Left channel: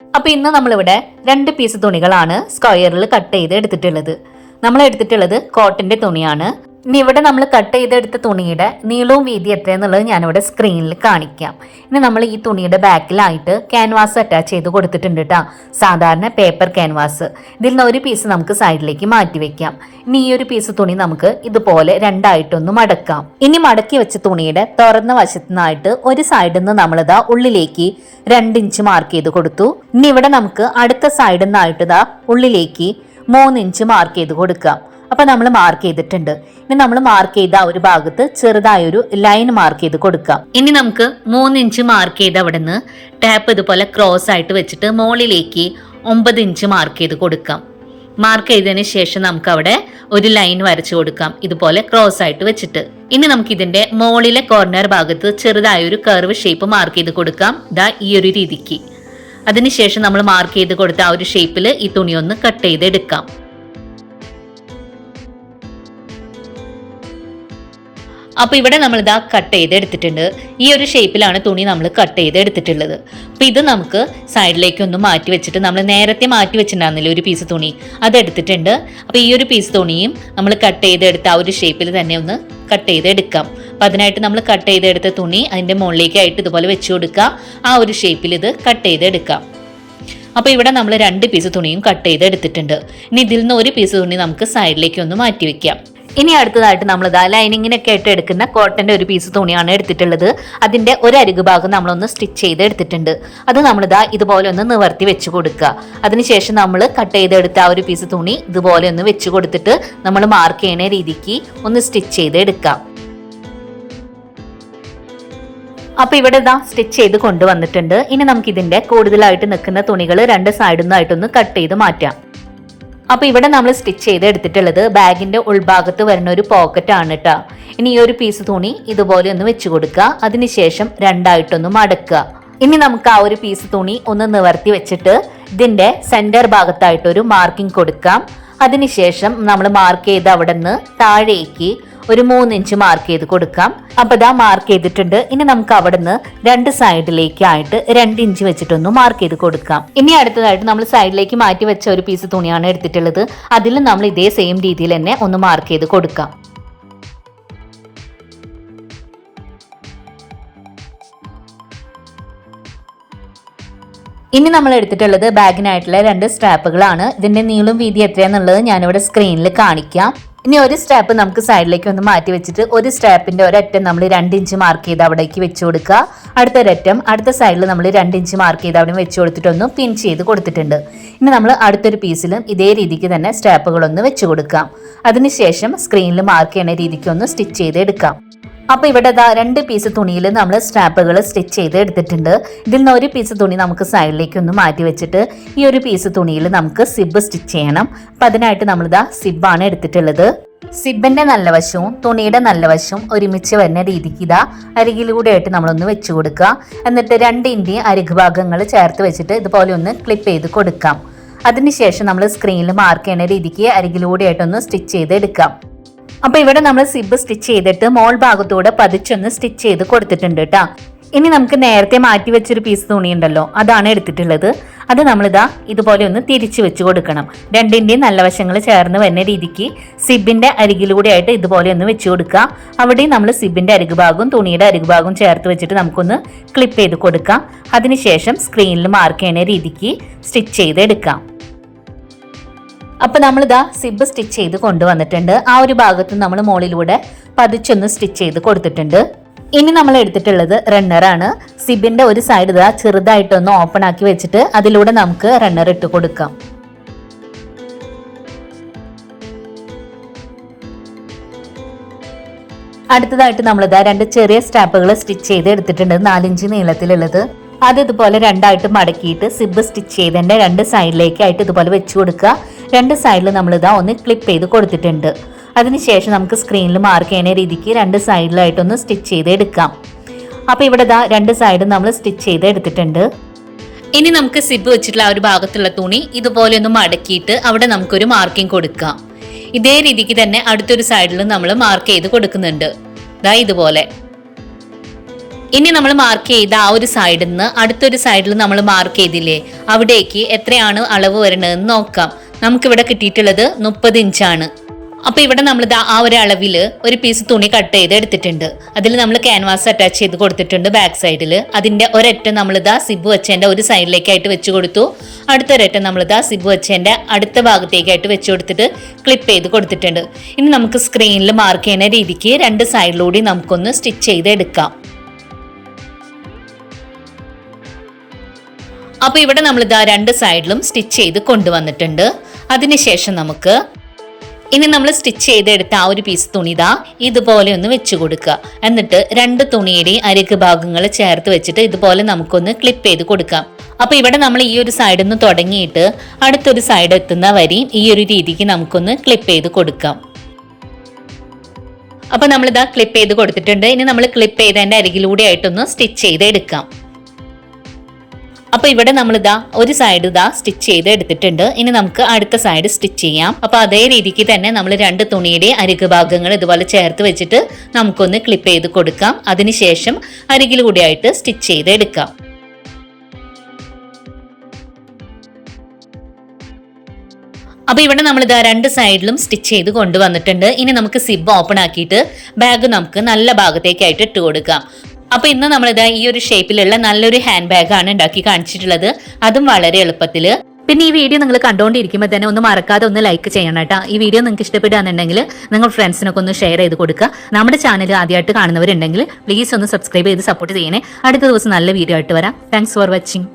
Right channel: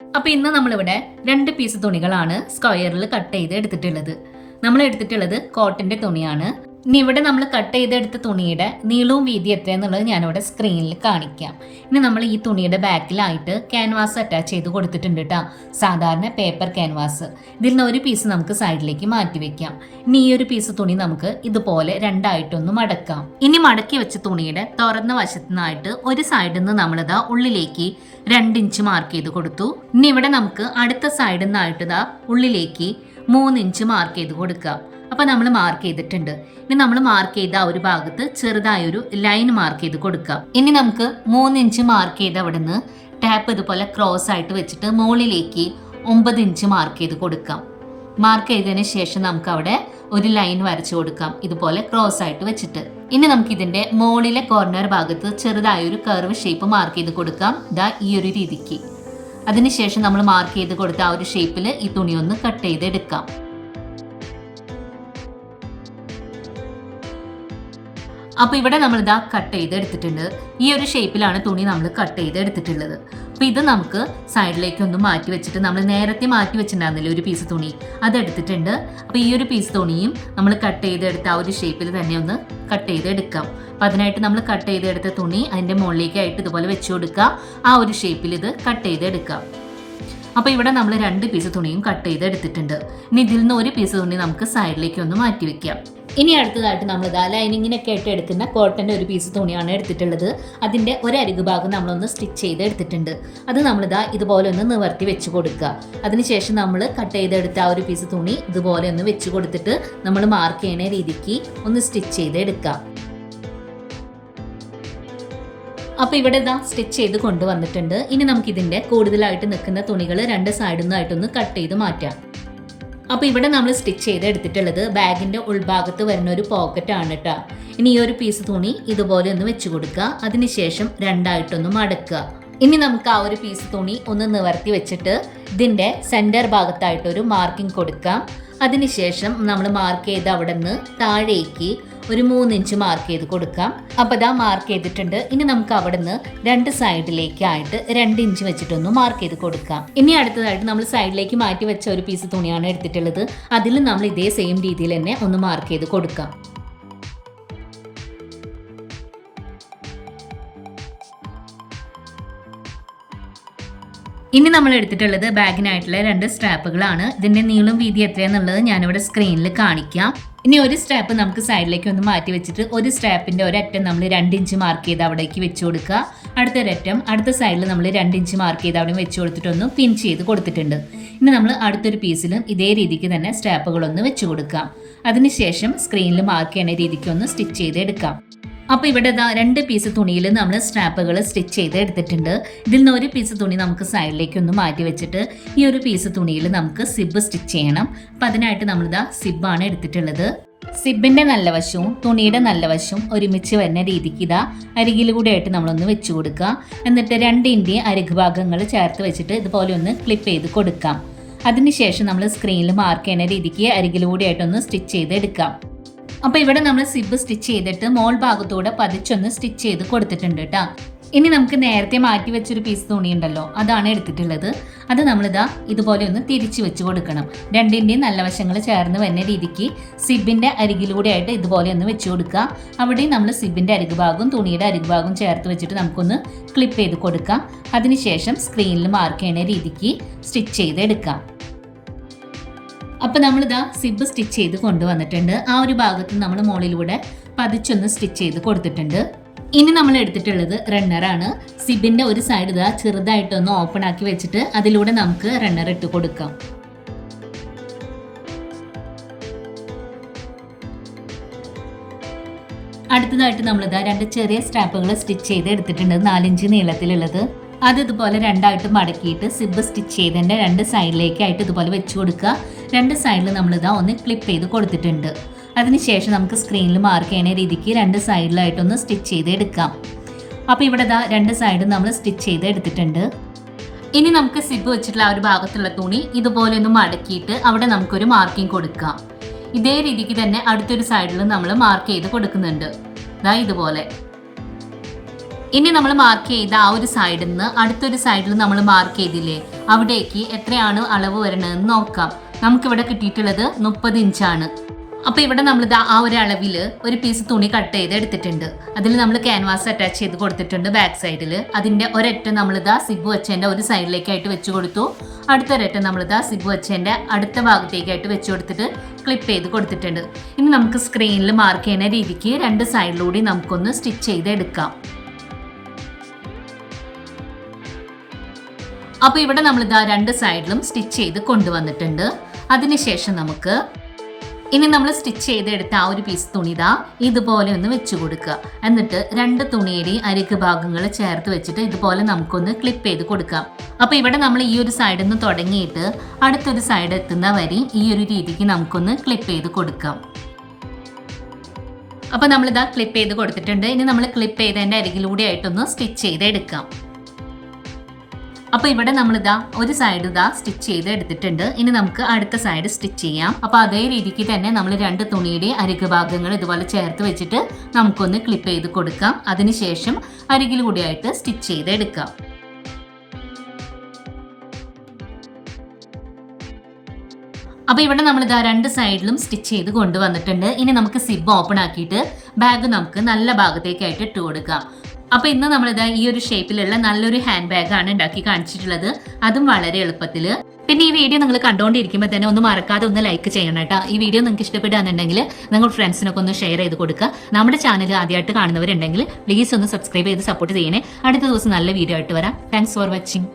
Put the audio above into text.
അപ്പൊ ഇന്ന് നമ്മളിവിടെ രണ്ട് പീസ് തുണികളാണ് സ്ക്വയറിൽ കട്ട് ചെയ്ത് എടുത്തിട്ടുള്ളത്. നമ്മൾ എടുത്തിട്ടുള്ളത് കോട്ടന്റെ തുണിയാണ്. ഇനി ഇവിടെ നമ്മൾ കട്ട് ചെയ്തെടുത്ത തുണിയുടെ നീളവും വീതി എത്രയെന്നുള്ളത് ഞാനിവിടെ സ്ക്രീനിൽ കാണിക്കാം. ഇനി നമ്മൾ ഈ തുണിയുടെ ബാക്കിലായിട്ട് ക്യാൻവാസ് അറ്റാച്ച് ചെയ്ത് കൊടുത്തിട്ടുണ്ട് കേട്ടോ സാധാരണ പേപ്പർ ക്യാൻവാസ് ഇതിൽ നിന്ന് ഒരു പീസ് നമുക്ക് സൈഡിലേക്ക് മാറ്റി വെക്കാം. ഇനി ഈ ഒരു പീസ് തുണി നമുക്ക് ഇതുപോലെ രണ്ടായിട്ടൊന്ന് മടക്കാം. ഇനി മടക്കി വെച്ച തുണിയുടെ തുറന്ന വശത്തു നിന്നായിട്ട് ഒരു സൈഡിൽ നിന്ന് നമ്മളിതാ ഉള്ളിലേക്ക് രണ്ട് ഇഞ്ച് മാർക്ക് ചെയ്ത് കൊടുത്തു. ഇനി ഇവിടെ നമുക്ക് അടുത്ത സൈഡിൽ നിന്നായിട്ട് ഇതാ ഉള്ളിലേക്ക് മൂന്ന് ഇഞ്ച് മാർക്ക് ചെയ്ത് കൊടുക്കാം. അപ്പൊ നമ്മൾ മാർക്ക് ചെയ്തിട്ടുണ്ട്. ഇനി നമ്മൾ മാർക്ക് ചെയ്ത ആ ഒരു ഭാഗത്ത് ചെറുതായൊരു ലൈൻ മാർക്ക് ചെയ്ത് കൊടുക്കാം ഇനി നമുക്ക് മൂന്ന് ഇഞ്ച് മാർക്ക് ചെയ്ത് അവിടെ നിന്ന് ടാപ്പ് ഇതുപോലെ ക്രോസ് ആയിട്ട് വെച്ചിട്ട് മുകളിലേക്ക് ഒമ്പത് ഇഞ്ച് മാർക്ക് ചെയ്ത് കൊടുക്കാം മാർക്ക് ചെയ്തതിന് ശേഷം നമുക്ക് അവിടെ ഒരു ലൈൻ വരച്ചു കൊടുക്കാം. ഇതുപോലെ ക്രോസ് ആയിട്ട് വെച്ചിട്ട്. ഇനി നമുക്ക് ഇതിന്റെ മോളിലെ കോർണർ ഭാഗത്ത് ചെറുതായ ഒരു കർവ് ഷേപ്പ് മാർക്ക് ചെയ്ത് കൊടുക്കാം. ദാ ഈ ഒരു രീതിക്ക്. അതിനുശേഷം നമ്മൾ മാർക്ക് ചെയ്ത് കൊടുത്ത ആ ഒരു ഷേപ്പിൽ ഈ തുണി ഒന്ന് കട്ട് ചെയ്ത് എടുക്കാം അപ്പൊ ഇവിടെ നമ്മൾ ഇതാ കട്ട് ചെയ്ത് എടുത്തിട്ടുണ്ട് ഈ ഒരു ഷേപ്പിലാണ് തുണി നമ്മൾ കട്ട് ചെയ്ത് എടുത്തിട്ടുള്ളത് അപ്പൊ ഇത് നമുക്ക് സൈഡിലേക്ക് ഒന്ന് മാറ്റി വെച്ചിട്ട് നമ്മൾ നേരത്തെ മാറ്റി വെച്ചിട്ടുണ്ടായിരുന്നില്ല ഒരു പീസ് തുണി? അത് എടുത്തിട്ടുണ്ട് അപ്പൊ ഈ ഒരു പീസ് തുണിയും നമ്മൾ കട്ട് ചെയ്തെടുത്ത ആ ഒരു ഷേപ്പിൽ തന്നെ ഒന്ന് കട്ട് ചെയ്തെടുക്കാം. അപ്പൊ അതിനായിട്ട് നമ്മൾ കട്ട് ചെയ്തെടുത്ത തുണി അതിന്റെ മുകളിലേക്കായിട്ട് ഇതുപോലെ വെച്ച് കൊടുക്കുക. ആ ഒരു ഷേപ്പിൽ ഇത് കട്ട് ചെയ്തെടുക്കാം. അപ്പോൾ ഇവിടെ നമ്മൾ രണ്ട് പീസ് തുണിയും കട്ട് ചെയ്തെടുത്തിട്ടുണ്ട്. ഇനി ഇതിൽ നിന്ന് ഒരു പീസ് തുണി നമുക്ക് സൈഡിലേക്ക് ഒന്ന് മാറ്റി വെക്കാം. ഇനി അടുത്തതായിട്ട് നമ്മൾ ലൈനിങ്ങിനൊക്കെ ആയിട്ട് എടുക്കുന്ന കോട്ടന്റെ ഒരു പീസ് തുണിയാണ് എടുത്തിട്ടുള്ളത്. അതിന്റെ ഒരു അരികു ഭാഗം നമ്മളൊന്ന് സ്റ്റിച്ച് ചെയ്ത് എടുത്തിട്ടുണ്ട്. അത് നമ്മളിതാ ഇതുപോലെ ഒന്ന് നിവർത്തി വെച്ച് കൊടുക്കുക. അതിനുശേഷം നമ്മൾ കട്ട് ചെയ്തെടുത്ത ആ ഒരു പീസ് തുണി ഇതുപോലെ ഒന്ന് വെച്ച് കൊടുത്തിട്ട് നമ്മൾ മാർക്ക് ചെയ്യുന്ന രീതിക്ക് ഒന്ന് സ്റ്റിച്ച് ചെയ്ത് എടുക്കാം. അപ്പൊ ഇവിടെ ഇതാ സ്റ്റിച്ച് ചെയ്ത് കൊണ്ടുവന്നിട്ടുണ്ട്. ഇനി നമുക്ക് ഇതിന്റെ കൂടുതലായിട്ട് നിൽക്കുന്ന തുണികൾ രണ്ട് സൈഡിൽ നിന്നായിട്ടൊന്ന് കട്ട് ചെയ്ത് മാറ്റാം. അപ്പൊ ഇവിടെ നമ്മൾ സ്റ്റിച്ച് ചെയ്ത് എടുത്തിട്ടുള്ളത് ബാഗിന്റെ ഉൾഭാഗത്ത് വരുന്ന ഒരു പോക്കറ്റ് ആണ് കേട്ടോ ഇനി ഈ ഒരു പീസ് തുണി ഇതുപോലെ ഒന്ന് വെച്ച് കൊടുക്കുക. അതിനുശേഷം രണ്ടായിട്ടൊന്ന് മടക്കുക. ഇനി നമുക്ക് ആ ഒരു പീസ് തുണി ഒന്ന് നിവർത്തി വെച്ചിട്ട് ഇതിന്റെ സെന്റർ ഭാഗത്തായിട്ട് ഒരു മാർക്കിംഗ് കൊടുക്കാം. അതിനുശേഷം നമ്മൾ മാർക്ക് ചെയ്ത് അവിടെ നിന്ന് താഴേക്ക് ഒരു മൂന്നിഞ്ച് മാർക്ക് ചെയ്ത് കൊടുക്കാം. അപ്പൊ ഇതാ മാർക്ക് ചെയ്തിട്ടുണ്ട്. ഇനി നമുക്ക് അവിടെ നിന്ന് രണ്ട് സൈഡിലേക്കായിട്ട് രണ്ട് ഇഞ്ച് വെച്ചിട്ടൊന്ന് മാർക്ക് ചെയ്ത് കൊടുക്കാം. ഇനി അടുത്തതായിട്ട് നമ്മൾ സൈഡിലേക്ക് മാറ്റി വെച്ച ഒരു പീസ് തുണിയാണ് എടുത്തിട്ടുള്ളത്. അതിൽ നമ്മൾ ഇതേ സെയിം രീതിയിൽ തന്നെ ഒന്ന് മാർക്ക് ചെയ്ത് കൊടുക്കാം. ഇനി നമ്മൾ എടുത്തിട്ടുള്ളത് ബാഗിനായിട്ടുള്ള രണ്ട് സ്ട്രാപ്പുകളാണ്. ഇതിന്റെ നീളം വീതി എത്രയാന്നുള്ളത് ഞാനിവിടെ സ്ക്രീനിൽ കാണിക്കാം. ഇനി ഒരു സ്ട്രാപ്പ് നമുക്ക് സൈഡിലേക്ക് ഒന്ന് മാറ്റി വെച്ചിട്ട് ഒരു സ്ട്രാപ്പിന്റെ ഒരറ്റം നമ്മൾ രണ്ട് ഇഞ്ച് മാർക്ക് ചെയ്ത് അവിടേക്ക് വെച്ച് കൊടുക്കുക. അടുത്ത ഒരറ്റം അടുത്ത സൈഡിൽ നമ്മൾ രണ്ട് ഇഞ്ച് മാർക്ക് ചെയ്ത് അവിടെ വെച്ച് കൊടുത്തിട്ടൊന്ന് പിൻ ചെയ്ത് കൊടുത്തിട്ടുണ്ട്. ഇനി നമ്മൾ അടുത്തൊരു പീസിലും ഇതേ രീതിക്ക് തന്നെ സ്ട്രാപ്പുകളൊന്ന് വെച്ച് കൊടുക്കാം. അതിനുശേഷം സ്ക്രീനിൽ മാർക്ക് ചെയ്യുന്ന രീതിക്ക് ഒന്ന് സ്റ്റിച്ച് ചെയ്ത് എടുക്കാം. അപ്പൊ ഇവിടെ ഇതാ രണ്ട് പീസ് തുണിയിൽ നമ്മൾ സ്ട്രാപ്പുകൾ സ്റ്റിച്ച് ചെയ്ത് എടുത്തിട്ടുണ്ട്. ഇതിൽ നിന്ന് ഒരു പീസ് തുണി നമുക്ക് സൈഡിലേക്ക് ഒന്ന് മാറ്റി വെച്ചിട്ട് ഈ ഒരു പീസ് തുണിയിൽ നമുക്ക് സിബ് സ്റ്റിച്ച് ചെയ്യണം. അപ്പൊ അതിനായിട്ട് നമ്മൾ ഇതാ സിബാണ് എടുത്തിട്ടുള്ളത്. സിബിന്റെ നല്ല വശവും തുണിയുടെ നല്ല വശവും ഒരുമിച്ച് വരുന്ന രീതിക്ക് ഇതാ അരികിലൂടെ ആയിട്ട് നമ്മളൊന്ന് വെച്ച് കൊടുക്കുക. എന്നിട്ട് രണ്ട് ഇഞ്ചി അരിക് ഭാഗങ്ങൾ ചേർത്ത് വെച്ചിട്ട് ഇതുപോലെ ഒന്ന് ക്ലിപ്പ് ചെയ്ത് കൊടുക്കാം. അതിനുശേഷം നമ്മൾ സ്ക്രീനിൽ മാർക്ക് ചെയ്യുന്ന രീതിക്ക് അരികിലൂടെ ആയിട്ടൊന്ന് സ്റ്റിച്ച് ചെയ്ത് എടുക്കാം. അപ്പൊ ഇവിടെ നമ്മൾ സിബ് സ്റ്റിച്ച് ചെയ്തിട്ട് മോൾ ഭാഗത്തൂടെ പതിച്ചൊന്ന് സ്റ്റിച്ച് ചെയ്ത് കൊടുത്തിട്ടുണ്ട് കേട്ടോ ഇനി നമുക്ക് നേരത്തെ മാറ്റി വെച്ചൊരു പീസ് തുണി ഉണ്ടല്ലോ അതാണ് എടുത്തിട്ടുള്ളത്. അത് നമ്മളിതാ ഇതുപോലെ ഒന്ന് തിരിച്ചു വെച്ച് കൊടുക്കണം. രണ്ടിന്റെയും നല്ല വശങ്ങൾ ചേർന്ന് വരുന്ന രീതിക്ക് സിബിന്റെ അരികിലൂടെ ആയിട്ട് ഇതുപോലെ ഒന്ന് വെച്ച് കൊടുക്കുക. അവിടെയും നമ്മൾ സിബിന്റെ അരികു ഭാഗവും തുണിയുടെ അരികു ഭാഗവും ചേർത്ത് വെച്ചിട്ട് നമുക്കൊന്ന് ക്ലിപ്പ് ചെയ്ത് കൊടുക്കാം. അതിനുശേഷം സ്ക്രീനിൽ മാർക്ക് ചെയ്യുന്ന രീതിക്ക് സ്റ്റിച്ച് ചെയ്ത് എടുക്കാം അപ്പൊ നമ്മളിതാ സിബ് സ്റ്റിച്ച് ചെയ്ത് കൊണ്ടുവന്നിട്ടുണ്ട്. ആ ഒരു ഭാഗത്ത് നമ്മൾ മുകളിലൂടെ പതിച്ചൊന്ന് സ്റ്റിച്ച് ചെയ്ത് കൊടുത്തിട്ടുണ്ട്. ഇനി നമ്മൾ എടുത്തിട്ടുള്ളത് ആണ്. സിബിന്റെ ഒരു സൈഡ് ഇതാ ചെറുതായിട്ടൊന്ന് ഓപ്പൺ ആക്കി വെച്ചിട്ട് അതിലൂടെ നമുക്ക് റണ്ണർ ഇട്ട് കൊടുക്കാം. അടുത്തതായിട്ട് നമ്മൾ നമ്മളിതാ രണ്ട് ചെറിയ സ്റ്റാപ്പുകൾ സ്റ്റിച്ച് ചെയ്ത് എടുത്തിട്ടുണ്ട്. നാലിഞ്ച് നീളത്തിലുള്ളത്. അത് ഇതുപോലെ രണ്ടായിട്ട് മടക്കിയിട്ട് സിബ് സ്റ്റിച്ച് ചെയ്തതിന്റെ രണ്ട് സൈഡിലേക്കായിട്ട് ഇതുപോലെ വെച്ചു കൊടുക്കുക. രണ്ട് സൈഡിൽ നമ്മളിതാ ഒന്ന് ക്ലിപ്പ് ചെയ്ത് കൊടുത്തിട്ടുണ്ട്. അതിനുശേഷം നമുക്ക് സ്ക്രീനിൽ മാർക്ക് ചെയ്യുന്ന രീതിക്ക് രണ്ട് സൈഡിലായിട്ടൊന്ന് സ്റ്റിച്ച് ചെയ്ത് എടുക്കാം. അപ്പോൾ ഇവിടെ ഇതാ രണ്ട് സൈഡും നമ്മൾ സ്റ്റിച്ച് ചെയ്ത് എടുത്തിട്ടുണ്ട്. ഇനി നമുക്ക് സിബ് വെച്ചിട്ടുള്ള ആ ഒരു ഭാഗത്തുള്ള തുണി ഇതുപോലെ ഒന്ന് മടക്കിയിട്ട് അവിടെ നമുക്കൊരു മാർക്കിംഗ് കൊടുക്കാം. ഇതേ രീതിക്ക് തന്നെ അടുത്തൊരു സൈഡിൽ നമ്മൾ മാർക്ക് ചെയ്ത് കൊടുക്കുന്നുണ്ട്. ദാ ഇതുപോലെ. ഇനി നമ്മൾ മാർക്ക് ചെയ്ത ആ ഒരു സൈഡിൽ നിന്ന് അടുത്തൊരു സൈഡിൽ നമ്മൾ മാർക്ക് ചെയ്തില്ലേ? അവിടേക്ക് എത്രയാണ് അളവ് വരണതെന്ന് നോക്കാം. നമുക്കിവിടെ കിട്ടിയിട്ടുള്ളത് മുപ്പത് ഇഞ്ചാണ്. അപ്പോൾ ഇവിടെ നമ്മൾ ആ ഒരു അളവിൽ ഒരു പീസ് തുണി കട്ട് ചെയ്ത് എടുത്തിട്ടുണ്ട്. അതിൽ നമ്മൾ ക്യാൻവാസ് അറ്റാച്ച് ചെയ്ത് കൊടുത്തിട്ടുണ്ട് ബാക്ക് സൈഡിൽ അതിന്റെ ഒരറ്റം ദാ സിബ് വെച്ചതിന്റെ ഒരു സൈഡിലേക്കായിട്ട് വെച്ച് കൊടുത്തു. അടുത്തൊരറ്റം ദാ സിബ് വെച്ചതിന്റെ അടുത്ത ഭാഗത്തേക്കായിട്ട് വെച്ച് കൊടുത്തിട്ട് ക്ലിപ്പ് ചെയ്ത് കൊടുത്തിട്ടുണ്ട്. ഇനി നമുക്ക് സ്ക്രീനിൽ മാർക്ക് ചെയ്യുന്ന രീതിക്ക് രണ്ട് സൈഡിലൂടെ നമുക്കൊന്ന് സ്റ്റിച്ച് ചെയ്ത് എടുക്കാം അപ്പോൾ ഇവിടെ നമ്മൾ ഇതാ രണ്ട് സൈഡിലും സ്റ്റിച്ച് ചെയ്ത് കൊണ്ടുവന്നിട്ടുണ്ട്. അതിനുശേഷം നമുക്ക് ഇനി നമ്മൾ സ്റ്റിച്ച് ചെയ്തെടുത്ത ആ ഒരു പീസ് തുണി ഇതാ ഇതുപോലെ ഒന്ന് വെച്ച് കൊടുക്കുക. എന്നിട്ട് രണ്ട് തുണിയുടെയും അരക്ക് ഭാഗങ്ങൾ ചേർത്ത് വെച്ചിട്ട് ഇതുപോലെ നമുക്കൊന്ന് ക്ലിപ്പ് ചെയ്ത് കൊടുക്കാം. അപ്പോൾ ഇവിടെ നമ്മൾ ഈ ഒരു സൈഡിൽ നിന്ന് തുടങ്ങിയിട്ട് അടുത്തൊരു സൈഡ് എത്തുന്ന വരി ഈ ഒരു രീതിക്ക് നമുക്കൊന്ന് ക്ലിപ്പ് ചെയ്ത് കൊടുക്കാം. അപ്പോൾ നമ്മളിതാ ക്ലിപ്പ് ചെയ്ത് കൊടുത്തിട്ടുണ്ട്. ഇനി നമ്മൾ ക്ലിപ്പ് ചെയ്തതിന്റെ അരികിലൂടെ ആയിട്ടൊന്ന് സ്റ്റിച്ച് ചെയ്ത് എടുക്കാം അപ്പൊ ഇവിടെ നമ്മൾ ഇതാ ഒരു സൈഡ് ഇതാ സ്റ്റിച്ച് ചെയ്ത് എടുത്തിട്ടുണ്ട്. ഇനി നമുക്ക് അടുത്ത സൈഡ് സ്റ്റിച്ച് ചെയ്യാം. അപ്പൊ അതേ രീതിക്ക് തന്നെ നമ്മൾ രണ്ട് തുണിയുടെ അരിക് ഭാഗങ്ങൾ ഇതുപോലെ ചേർത്ത് വെച്ചിട്ട് നമുക്കൊന്ന് ക്ലിപ്പ് ചെയ്ത് കൊടുക്കാം. അതിനുശേഷം അരികിലൂടെ ആയിട്ട് സ്റ്റിച്ച് ചെയ്ത് എടുക്കാം. അപ്പൊ ഇവിടെ നമ്മൾ ഇതാ രണ്ട് സൈഡിലും സ്റ്റിച്ച് ചെയ്ത് കൊണ്ടുവന്നിട്ടുണ്ട്. ഇനി നമുക്ക് സിബ് ഓപ്പൺ ആക്കിയിട്ട് ബാഗ് നമുക്ക് നല്ല ഭാഗത്തേക്കായിട്ട് ഇട്ട് കൊടുക്കാം. അപ്പൊ ഇന്ന് നമ്മളിതാ ഈ ഒരു ഷേപ്പിലുള്ള നല്ലൊരു ഹാൻഡ് ബാഗ് ആണ് ഉണ്ടാക്കി കാണിച്ചിട്ടുള്ളത്. അതും വളരെ എളുപ്പത്തിൽ പിന്നെ ഈ വീഡിയോ നിങ്ങൾ കണ്ടുകൊണ്ടിരിക്കുമ്പോൾ തന്നെ ഒന്ന് മറക്കാതെ ഒന്ന് ലൈക്ക് ചെയ്യണം കേട്ടോ. ഈ വീഡിയോ നിങ്ങൾക്ക് ഇഷ്ടപ്പെടുകയാണെന്നുണ്ടെങ്കിൽ നിങ്ങൾ ഫ്രണ്ട്സിനൊക്കെ ഒന്ന് ഷെയർ ചെയ്ത് കൊടുക്കുക. നമ്മുടെ ചാനൽ ആദ്യമായിട്ട് കാണുന്നവരുണ്ടെങ്കിൽ പ്ലീസ് ഒന്ന് സബ്സ്ക്രൈബ് ചെയ്ത് സപ്പോർട്ട് ചെയ്യണേ. അടുത്ത ദിവസം നല്ല വീഡിയോ ആയിട്ട് വരാം. Thanks for watching